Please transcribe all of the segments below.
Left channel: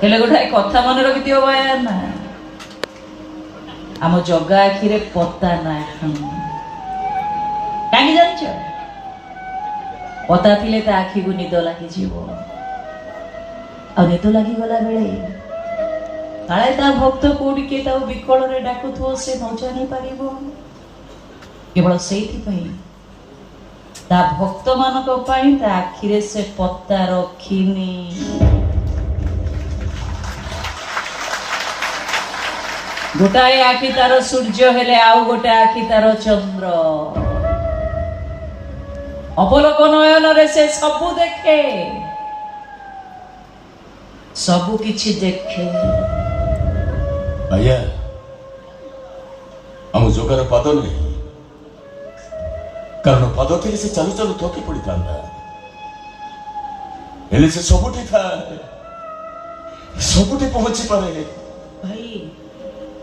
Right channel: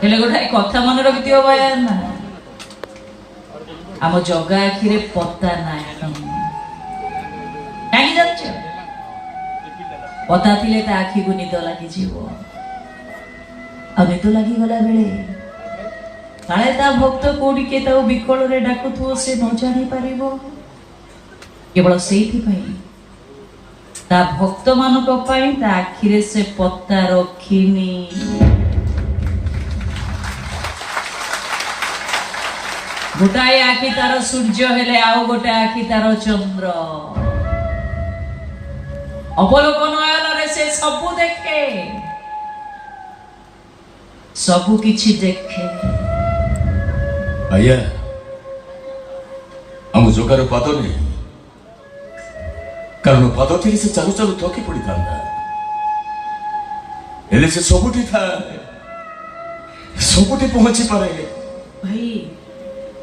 ହେଲେ ଗୋଟେ କଥା ମନେ ରଖିଥିବ ଭାଇ ନା, ଆମ ଜଗା ଆଖିରେ ପତା ନାହିଁ। କାହିଁକି ଜାଣିଛ? ପତା ଥିଲେ ତା ଆଖିକୁ ନିଦ ଲାଗିଯିବ, ଆଉ ନିଦ ଲାଗିଗଲା ବେଳେ କାଳେ ତା ଭକ୍ତ କୋଉଠି କିଏ ତାକୁ ବିକଳରେ ଡାକୁଥିବ, ସେ ନ ଜାଣିପାରିବ। କେବଳ ସେଇଥିପାଇଁ ତା ଭକ୍ତ ମାନଙ୍କ ପାଇଁ ତା ଆଖିରେ ସେ ପତା ରଖିନି। ଗୋଟାଏ ଆଖି ତାର ସୂର୍ଯ୍ୟ ହେଲେ ଆଉ ଗୋଟେ ଆଖି ତାର ଚନ୍ଦ୍ର। ଅବଲୋକ ନୟନରେ ସେ ସବୁ ଦେଖେ, ସବୁ କିଛି ଦେଖେ। ଆଜ୍ଞା, ଆମ ଜଗାର ପାଦ ନେଇ, କାରଣ ପାଦ ଥିଲେ ସେ ଚାଲୁ ଚାଲୁ ଥକି ପଡିଥାନ୍ତା। ହେଲେ ସେ ସବୁଠି ଥାଏ, ସବୁଠି ପହଞ୍ଚି ପାରେ। ଭାଇ,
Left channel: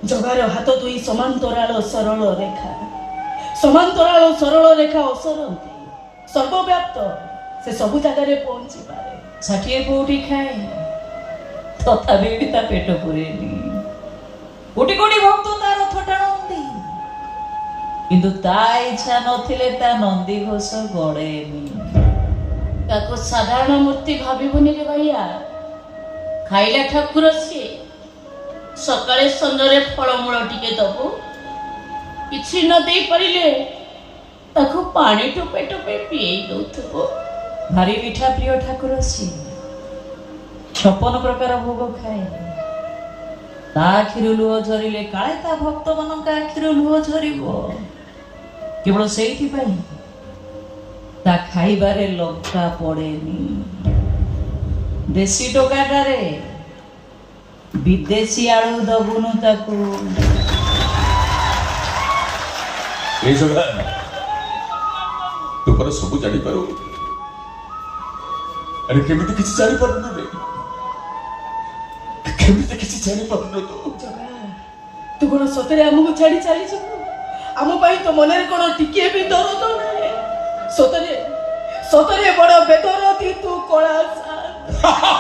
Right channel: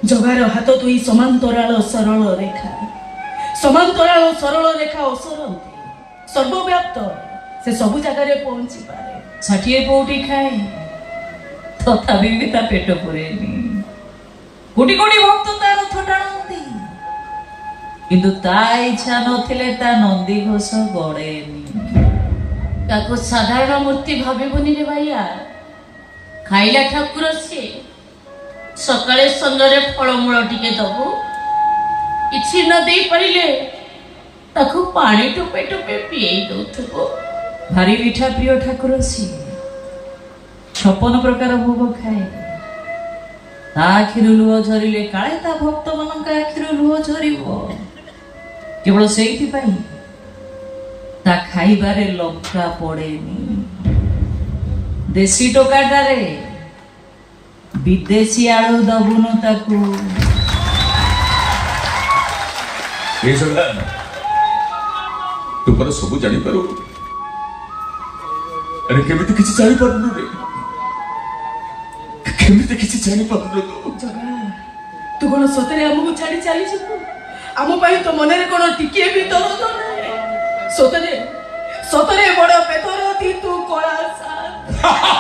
ଜଗାର ହାତ ଦୁଇ ସମାନ୍ତରାଳ ସରଳ ରେଖା, ସମାନ୍ତରାଳ ସରଳ ରେଖା ଅସରନ୍ତି, ସର୍ବବ୍ୟାପ୍ତ। ସେ ସବୁ ଜାଗାରେ ପହଞ୍ଚି ପାରେ। 60 ପଉଟି ଖାଏ, ତଥାପି ବି ତା ପେଟ ପୁରେନି। କୋଟି କୋଟି ଭକ୍ତ ତା ରଥ ଟାଣନ୍ତି, କିନ୍ତୁ ତା ଇଚ୍ଛା ନଥିଲେ ତା ନନ୍ଦୀ ଘୋଷ ଗଡେନି। ତାକୁ ସାଧାରଣ ମୂର୍ତ୍ତି ଭାବିବୁନି ରେ ଭାଇଆ। ଖାଇଲା ଠାକୁର ସିଏ। ସକାଳେ ସନ୍ଧ୍ୟାରେ ଫଳମୂଳ ଟିକେ ଦବୁ, କିଛି ନ ଦେଇ ପାରିଲେ ତାକୁ ପାଣି ଟୋପେ ଟୋପେ ପିଏଇ ଦଉଥିବ। ଭାରି ମିଠା ପ୍ରିୟ ଠାକୁର ସିଏ। 56 ପ୍ରକାର ଭୋଗ ଖାଏ। ତା ଆଖିରୁ ଲୁହ ଝରିଲେ କାଳେ ତା ଭକ୍ତ ମାନଙ୍କ ଆଖିରୁ ଲୁହ ଝରିବ। କେବଳ ସେଇଥିପାଇଁ ତା ଖାଇବାରେ ଲଙ୍କା ପଡେନି। ଦେଶୀ ଟୋକାଟାରେ ବିଦେଶୀ ଆଳୁ ଦବୁନୁ ତାକୁ। ଏଇ ଜଗା, ତୁ ପରା ସବୁ ଜାଣିପାରୁ, ଆରେ କେମିତି କିଛି ଜାଣିପାରୁନୁ ରେ? କେମିତି କିଛି ଜାଣିପାରୁନୁ? ଜଗା, ତୁ କଣ ସତରେ ଆମକୁ ଛାଡି ଚାଲିଯିବୁ? ଆମ ପାଇଁ ତ ମନରେ କଣ ଟିକିଏ ବି ଦରଦ ନାହିଁ? ସତରେ ସତରେ ବଡ ବେଦରତି ତୁ କଳା ସାର୍।